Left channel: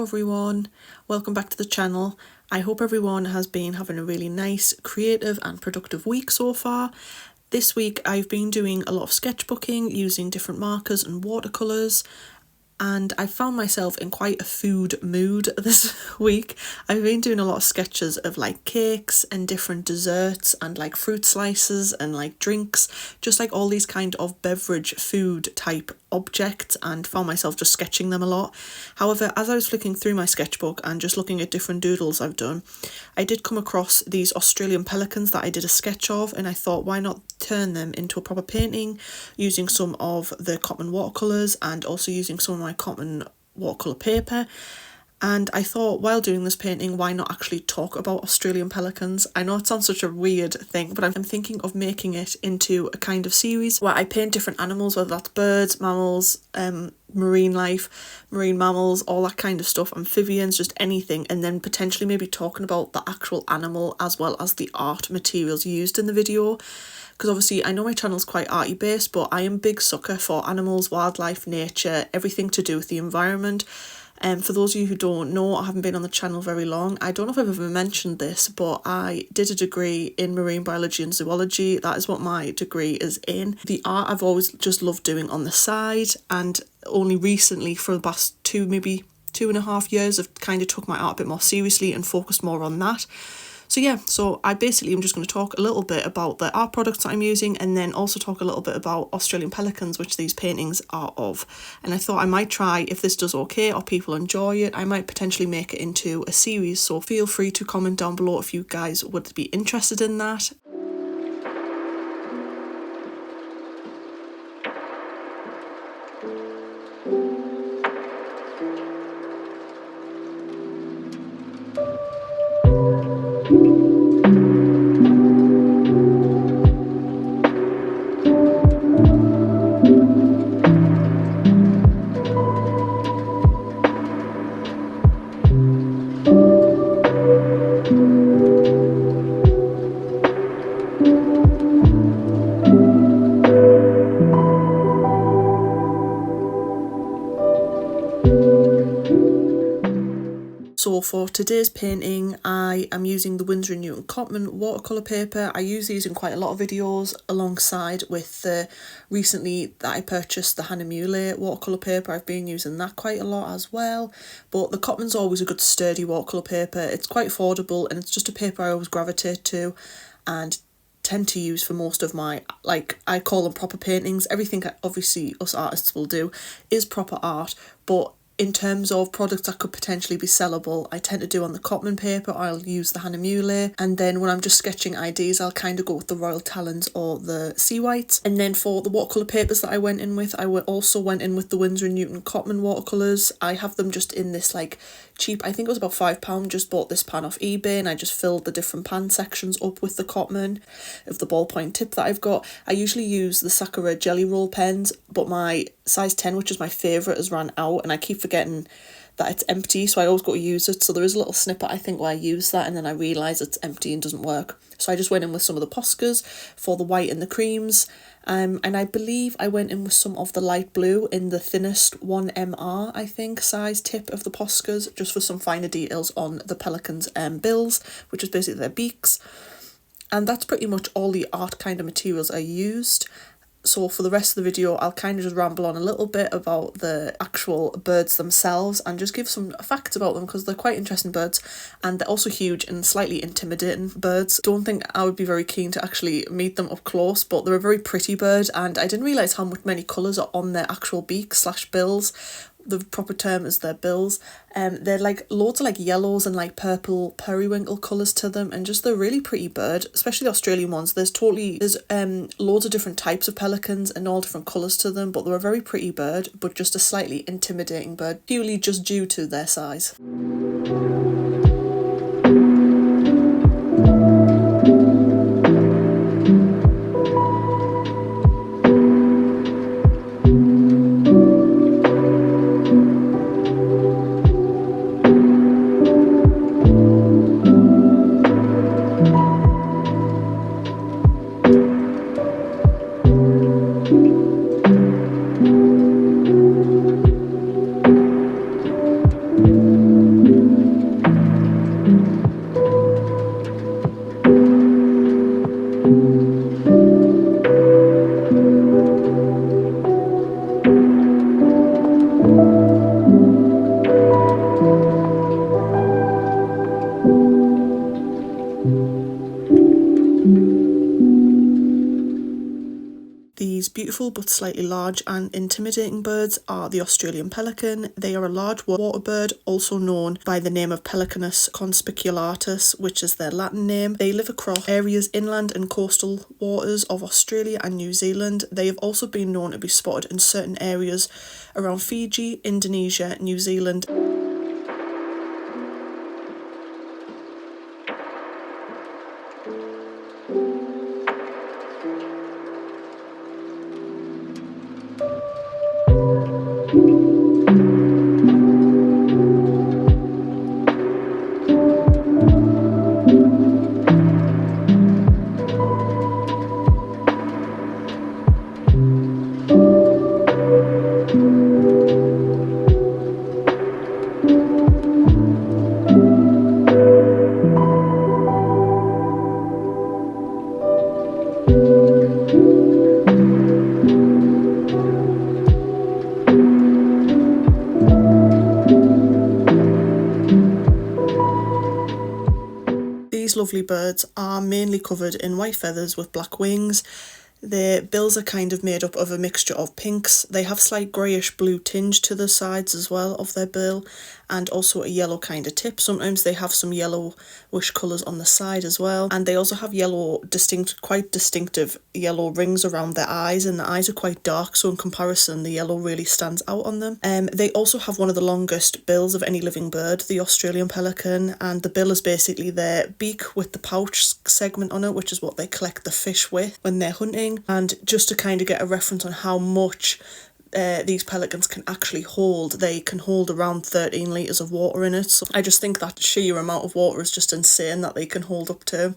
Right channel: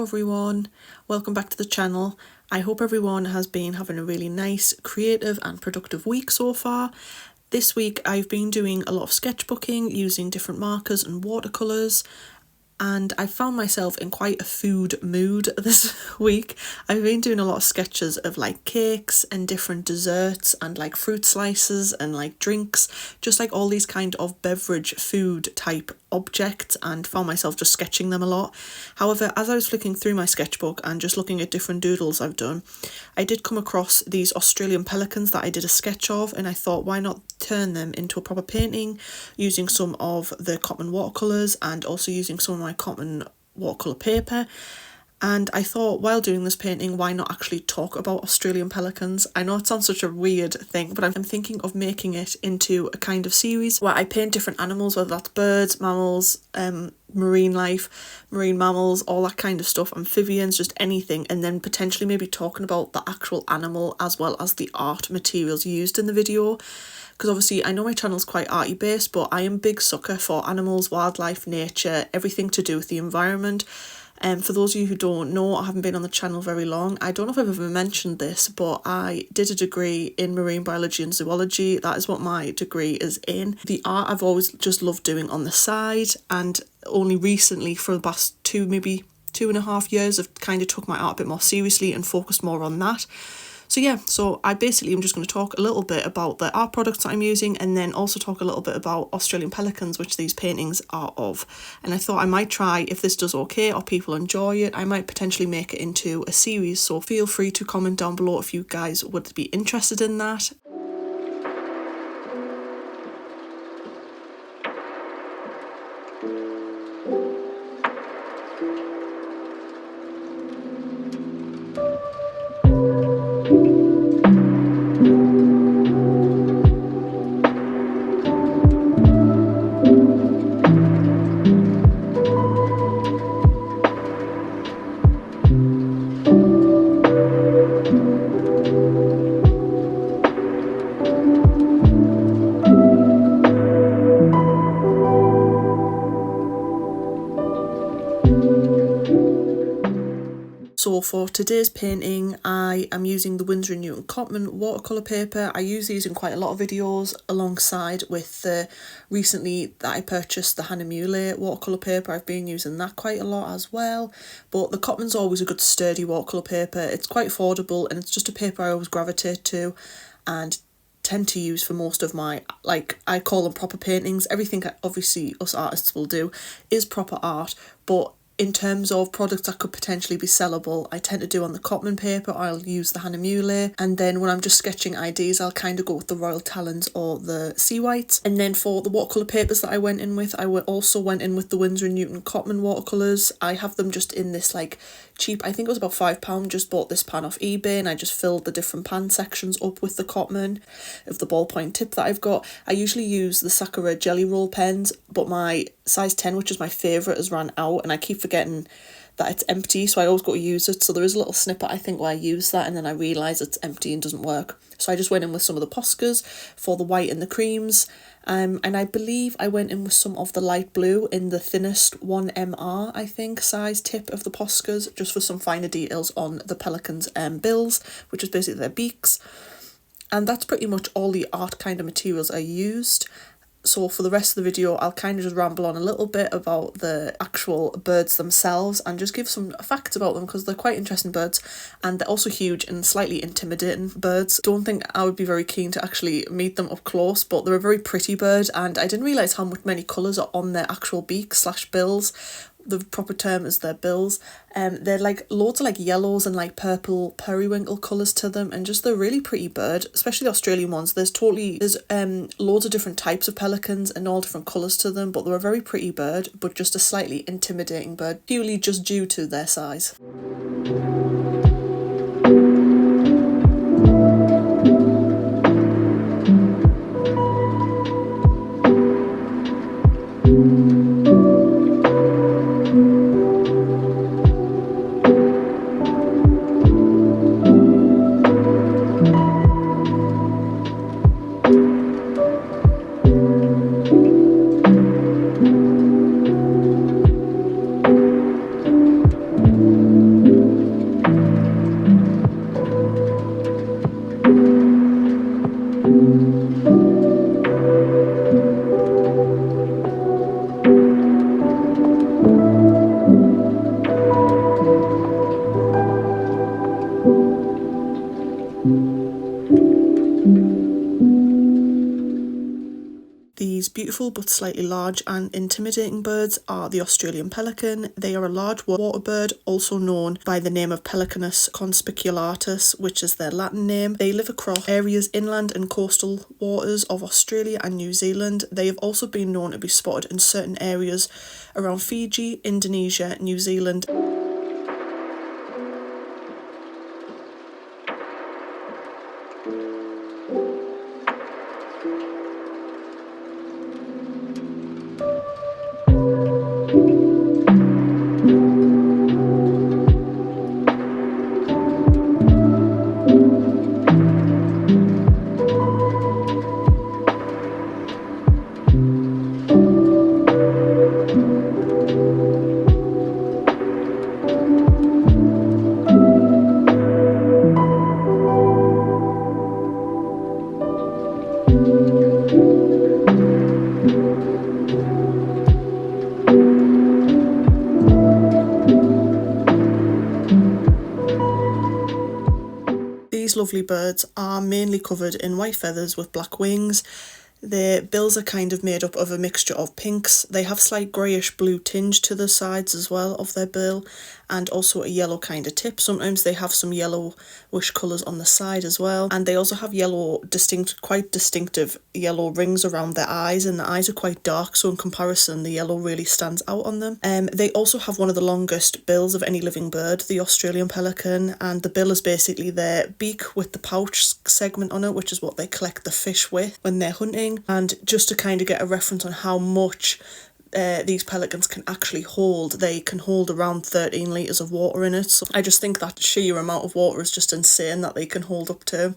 Hello everyone, welcome back to the channel. I hope everyone has been having a really nice, creative and productive week so far. This week I've been doing a lot of sketchbooking using different markers and watercolours, and I found myself in quite a food mood this week. I've been doing a lot of sketches of like cakes and different desserts and like fruit slices and like drinks, just like all these kind of beverage food type objects, and found myself just sketching them a lot. However, as I was flicking through my sketchbook and just looking at different doodles I've done, I did come across these Australian Pelicans that I did a sketch of, and I thought, why not turn them into a proper painting using some of the Cotman watercolours and also using some of my Cotman watercolour paper. And I thought, while doing this painting, why not actually talk about Australian pelicans? I know it sounds such a weird thing, but I'm thinking of making it into a kind of series where I paint different animals, whether that's birds, mammals, marine life, marine mammals, all that kind of stuff, amphibians, just anything, and then potentially maybe talking about the actual animal as well as the art materials used in the video. Because obviously I know my channel's quite arty based, but I am a big sucker for animals, wildlife, nature, everything to do with the environment. For those of you who don't know, I haven't been on the channel very long. I don't know if I've ever mentioned this, but I did a degree in marine biology and zoology. That is what my degree is in. The art I've always just loved doing on the side, and only recently, for the past maybe 2.5 years, I've kind of took my art a bit more seriously and focused more on that. So I basically am just going to talk a little bit about the art products that I'm using, and then also talk a little bit about Australian pelicans, which these paintings are of. And I thought I might try, if this does okay or people enjoy it, I might potentially make it into a series. So feel free to comment down below if you guys would be interested in that. So for today's painting, I am using the winsor&newton Cotman watercolour paper. I use these in quite a lot of videos alongside with the recently that I purchased the Hahnemühle watercolour paper. I've been using that quite a lot as well. But the Cotman's always a good sturdy watercolour paper. It's quite affordable and it's just a paper I always gravitate to and tend to use for most of my, like, I call them proper paintings. Everything obviously us artists will do is proper art, but in terms of products that could potentially be sellable, I tend to do on the Cotman paper. I'll use the Hahnemühle, and then when I'm just sketching ideas, I'll kind of go with the Royal Talons or the Sea Whites. And then for the watercolour papers that I went in with, I also went in with the Winsor&Newton Cotman watercolours. I have them just in this like cheap, I think it was about £5, just bought this pan off eBay, and I just filled the different pan sections up with the Cotman of the ballpoint tip that I've got. I usually use the Sakura jelly roll pens, but my size 10, which is my favourite, has ran out, and I keep forgetting that it's empty, so I always got to use it. So there is a little snippet I think where I use that and then I realise it's empty and doesn't work. So I just went in with some of the Poscas for the white and the creams, and I believe I went in with some of the light blue in the thinnest 1MR, I think, size tip of the Poscas, just for some finer details on the Pelicans' bills, which is basically their beaks. And that's pretty much all the art kind of materials I used. So for the rest of the video, I'll kind of just ramble on a little bit about the actual birds themselves and just give some facts about them, because they're quite interesting birds and they're also huge and slightly intimidating birds. Don't think I would be very keen to actually meet them up close, but they're a very pretty bird, and I didn't realise how many colours are on their actual beaks / bills. The proper term is their bills. They're like loads of like yellows and like purple periwinkle colours to them, and just they're a really pretty bird, especially the Australian ones. There's loads of different types of pelicans and all different colours to them, but they're a very pretty bird, but just a slightly intimidating bird, purely just due to their size. beautiful but slightly large and intimidating birds are the Australian Pelican. They are a large water bird, also known by the name of Pelicanus conspiculatus, which is their Latin name. They live across areas inland and coastal waters of Australia and New Zealand. They have also been known to be spotted in certain areas around Fiji, Indonesia, New Zealand. These lovely birds are mainly covered in white feathers with black wings. Their bills are kind of made up of a mixture of pinks. They have slight greyish blue tinge to the sides as well of their bill, and also a yellow kind of tip. Sometimes they have some yellowish colours on the side as well, and they also have quite distinctive yellow rings around their eyes, and the eyes are quite dark, so in comparison the yellow really stands out on them. They also have one of the longest bills of any living bird, the Australian Pelican, and the bill is basically their beak with the pouch segment on it, which is what they collect the fish with when they're hunting. And just to kind of get a reference on how much these pelicans can actually hold, they can hold around 13 litres of water in it. So I just think that sheer amount of water is just insane that they can hold up to.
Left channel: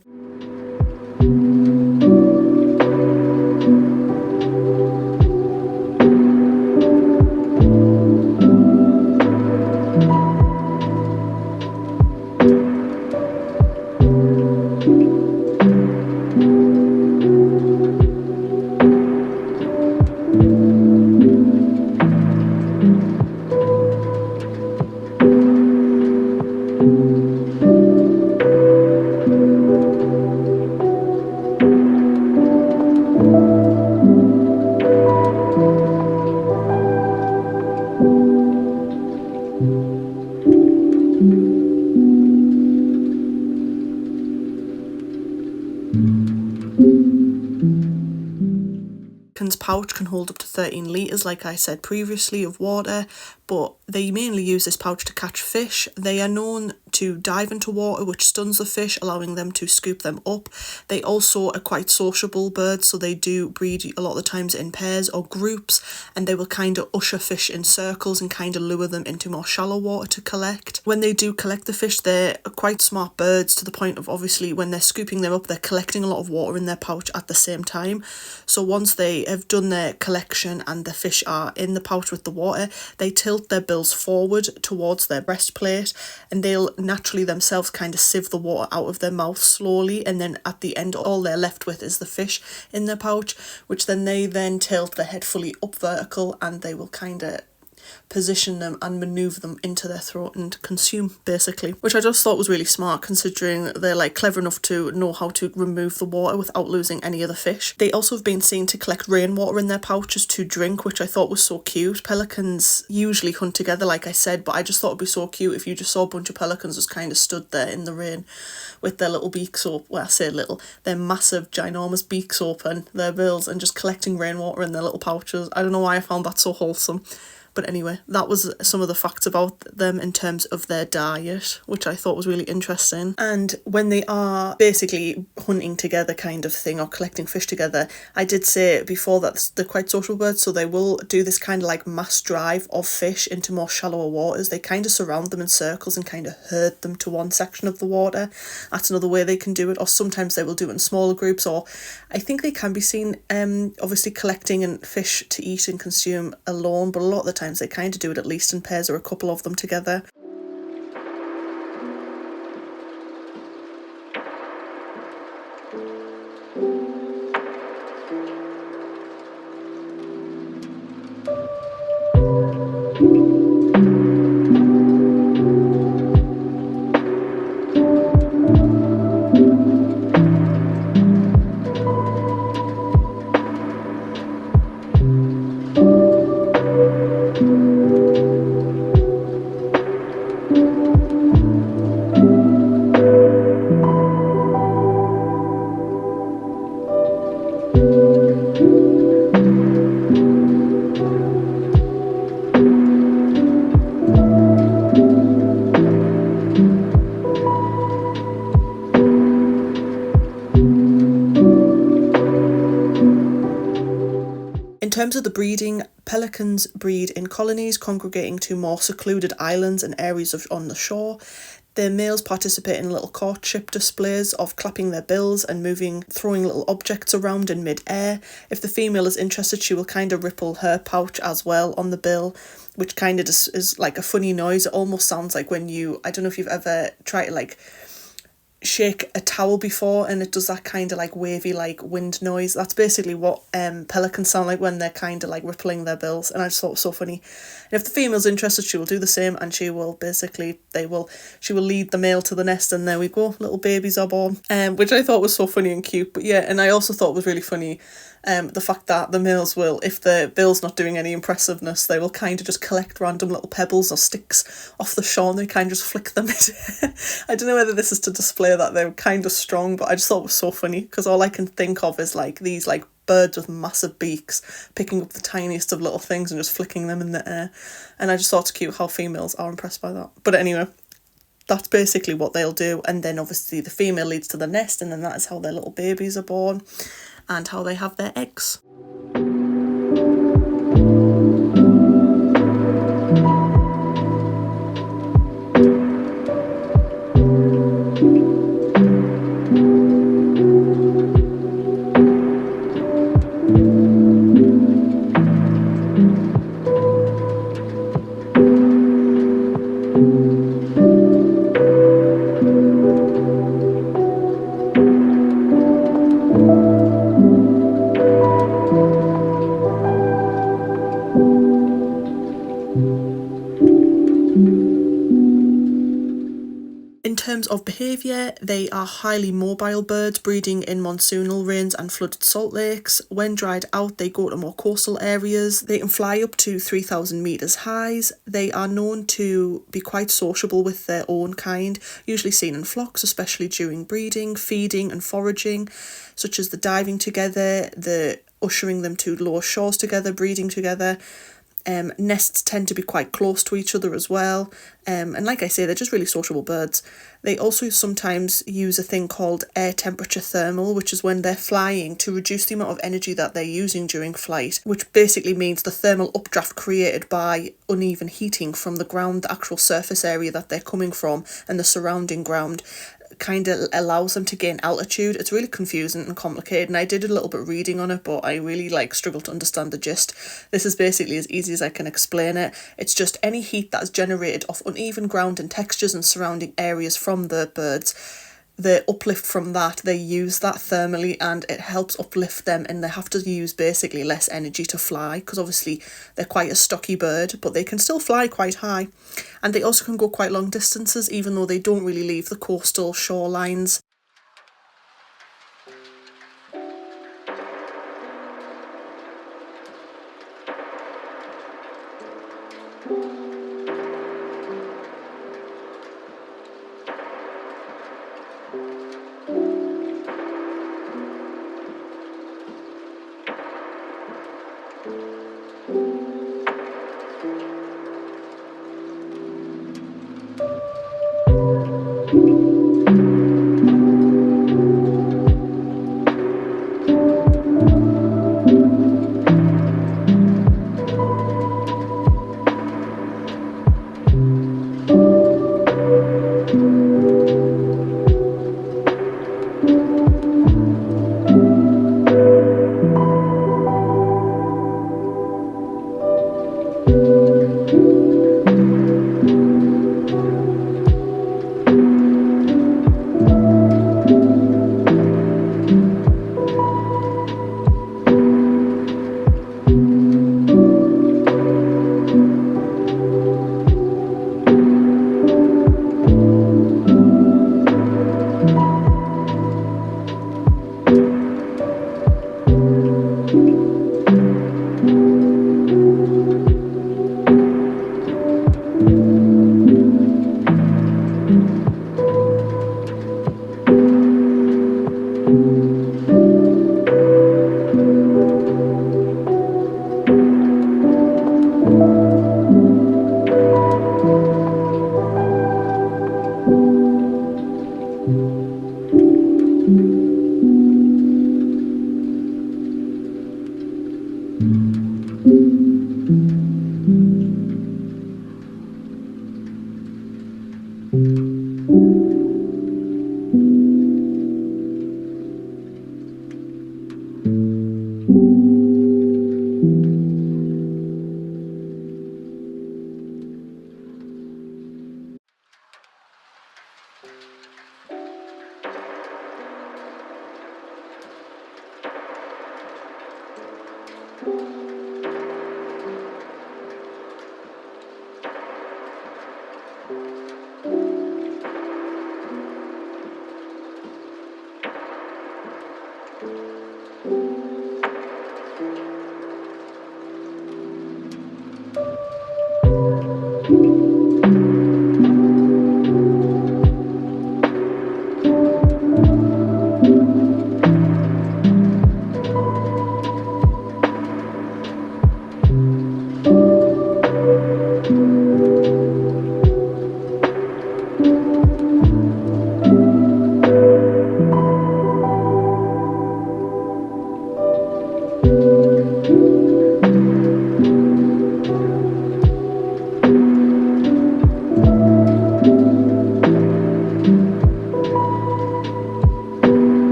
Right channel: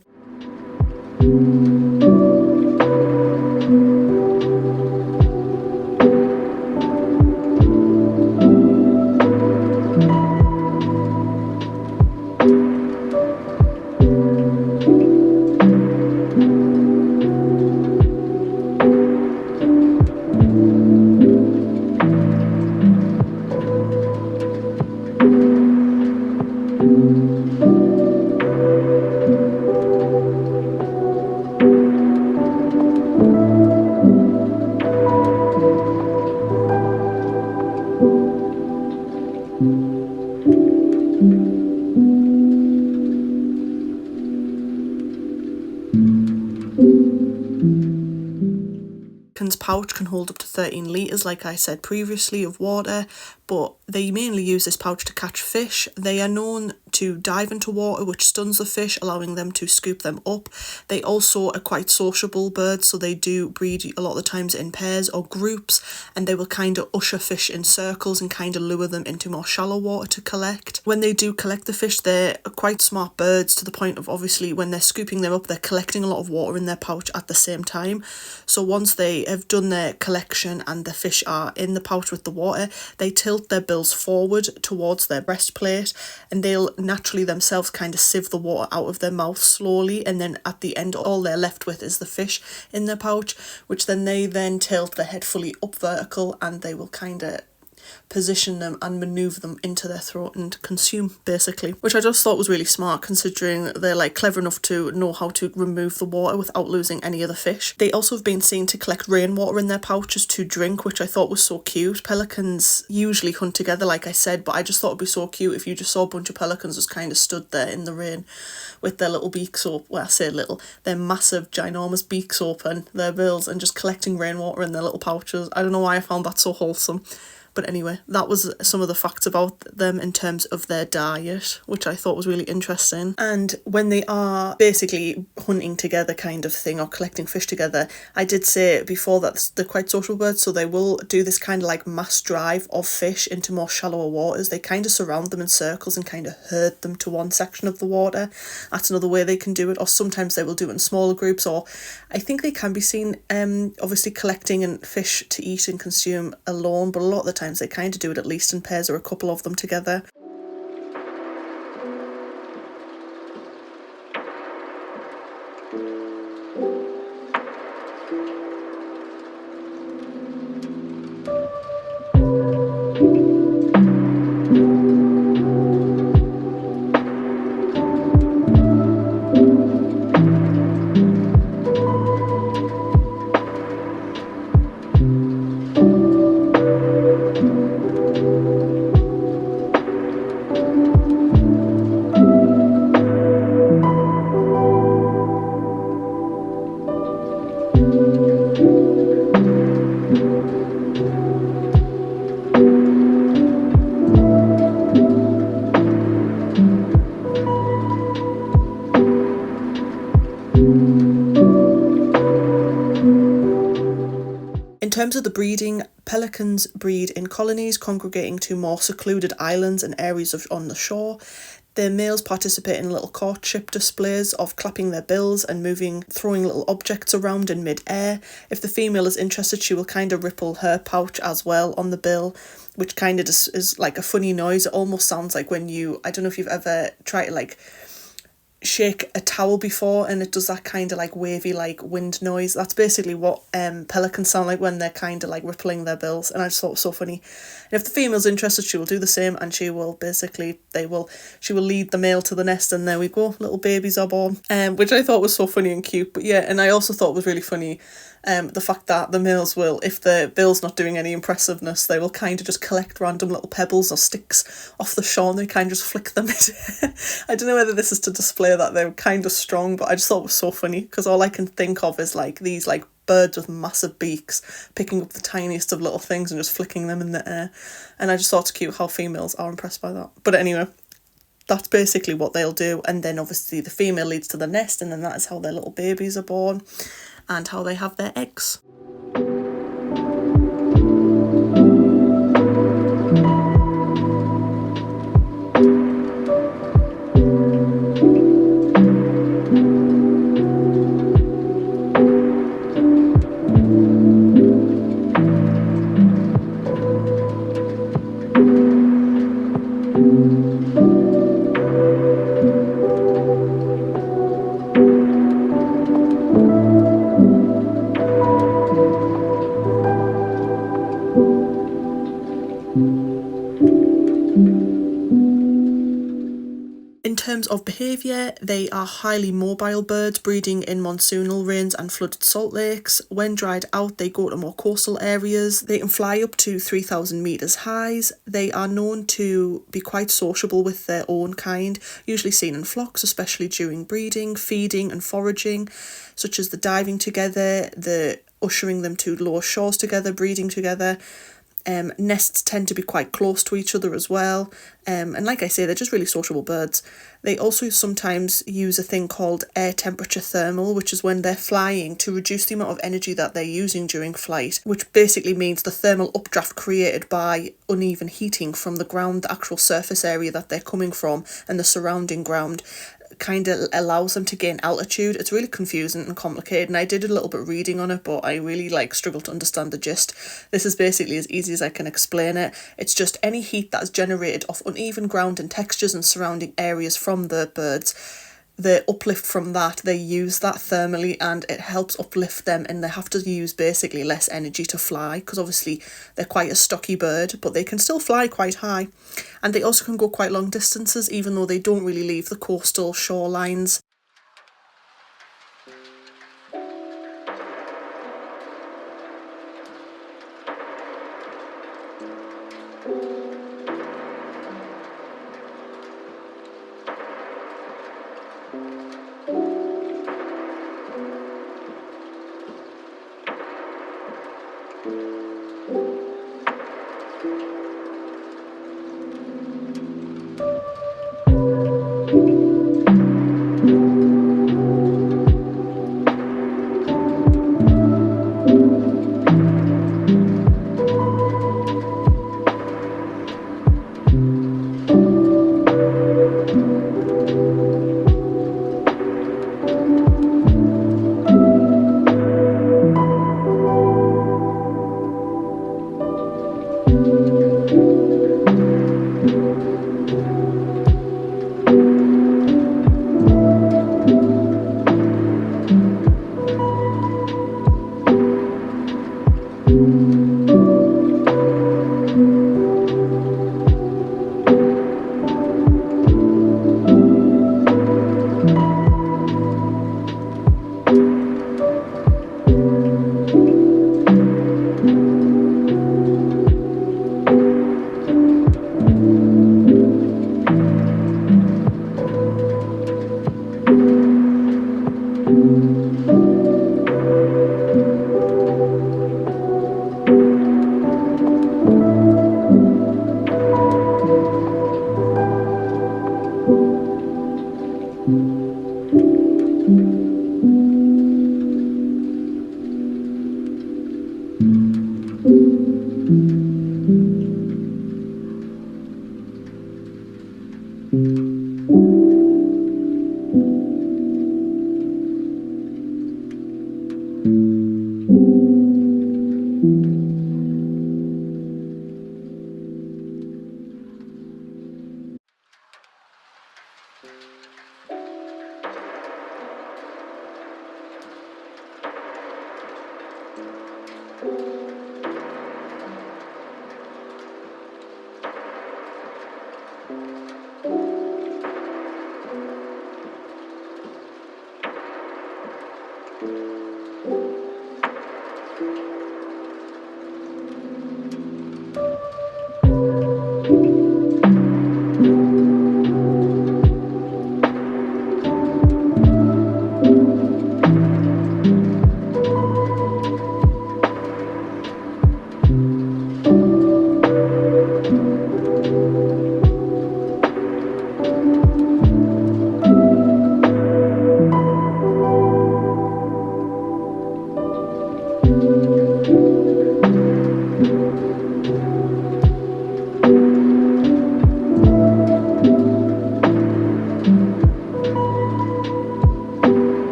Pouch can hold up to 13 litres, like I said previously, of water, but they mainly use this pouch to catch fish. They are known to dive into water, which stuns the fish, allowing them to scoop them up. They also are quite sociable birds, so they do breed a lot of the times in pairs or groups, and they will kind of usher fish in circles and kind of lure them into more shallow water to collect. When they do collect the fish, they're quite smart birds, to the point of obviously when they're scooping them up, they're collecting a lot of water in their pouch at the same time. So once they have done their collection and the fish are in the pouch with the water, they tilt their bills forward towards their breastplate, and they'll naturally themselves kind of sieve the water out of their mouth slowly, and then at the end all they're left with is the fish in their pouch, which then they tilt their head fully up vertical, and they will kind of position them and maneuver them into their throat and consume, basically, which I just thought was really smart, considering they're like clever enough to know how to remove the water without losing any of the fish. They also have been seen to collect rainwater in their pouches to drink, which I thought was so cute. Pelicans usually hunt together, like I said, but I just thought it'd be so cute if you just saw a bunch of pelicans just kind of stood there in the rain with their little beaks open, well, I say little, their massive ginormous beaks open, their bills, and just collecting rainwater in their little pouches. I don't know why I found that so wholesome. But anyway, that was some of the facts about them in terms of their diet, which I thought was really interesting. And when they are basically hunting together kind of thing, or collecting fish together, I did say before that they're quite social birds, so they will do this kind of like mass drive of fish into more shallower waters. They kind of surround them in circles and kind of herd them to one section of the water. That's another way they can do it. Or sometimes they will do it in smaller groups, or I think they can be seen obviously collecting and fish to eat and consume alone, but a lot of the time they kind of do it at least in pairs or a couple of them together. terms of the breeding, pelicans breed in colonies congregating to more secluded islands and areas on the shore. The males participate in little courtship displays of clapping their bills and throwing little objects around in mid-air. If the female is interested, she will kind of ripple her pouch as well on the bill, which kind of just is like a funny noise. It almost sounds like when I don't know if you've ever tried to like shake a towel before and it does that kind of like wavy like wind noise. That's basically what pelicans sound like when they're kind of like rippling their bills, and I just thought it was so funny. And if the female's interested, she will do the same, and she will lead the male to the nest, and there we go, little babies are born, which I thought was so funny and cute. But yeah, and I also thought it was really funny the fact that the males will, if the bill's not doing any impressiveness, they will kind of just collect random little pebbles or sticks off the shore and they kind of just flick them. I don't know whether this is to display that they're kind of strong, but I just thought it was so funny because all I can think of is like these like birds with massive beaks picking up the tiniest of little things and just flicking them in the air. And I just thought it's cute how females are impressed by that. But anyway, that's basically what they'll do. And then obviously the female leads to the nest, and then that is how their little babies are born and how they have their eggs. In terms of behaviour, they are highly mobile birds, breeding in monsoonal rains and flooded salt lakes. When dried out, they go to more coastal areas. They can fly up to 3,000 metres high. They are known to be quite sociable with their own kind, usually seen in flocks, especially during breeding, feeding and foraging, such as the diving together, the ushering them to lower shores together, breeding together. Nests tend to be quite close to each other as well, and like I say, they're just really sociable birds. They also sometimes use a thing called air temperature thermal, which is when they're flying to reduce the amount of energy that they're using during flight, which basically means the thermal updraft created by uneven heating from the ground, the actual surface area that they're coming from and the surrounding ground, kind of allows them to gain altitude. It's really confusing and complicated, and I did a little bit of reading on it, but I really struggled to understand the gist. This is basically as easy as I can explain it. It's just any heat that is generated off uneven ground and textures and surrounding areas from the birds. The uplift from that, they use that thermally and it helps uplift them, and they have to use basically less energy to fly because obviously they're quite a stocky bird, but they can still fly quite high, and they also can go quite long distances even though they don't really leave the coastal shorelines.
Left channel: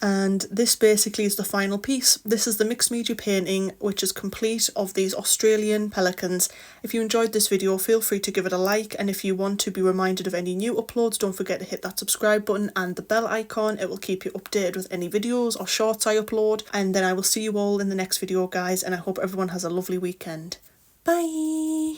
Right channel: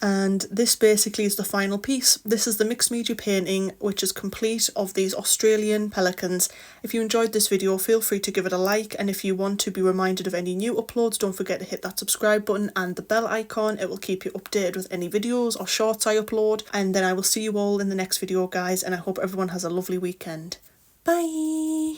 And this basically is the final piece. This is the mixed media painting, which is complete, of these Australian pelicans. If you enjoyed this video, feel free to give it a like, and if you want to be reminded of any new uploads, don't forget to hit that subscribe button and the bell icon. It will keep you updated with any videos or shorts I upload, and then I will see you all in the next video, guys, and I hope everyone has a lovely weekend. Bye!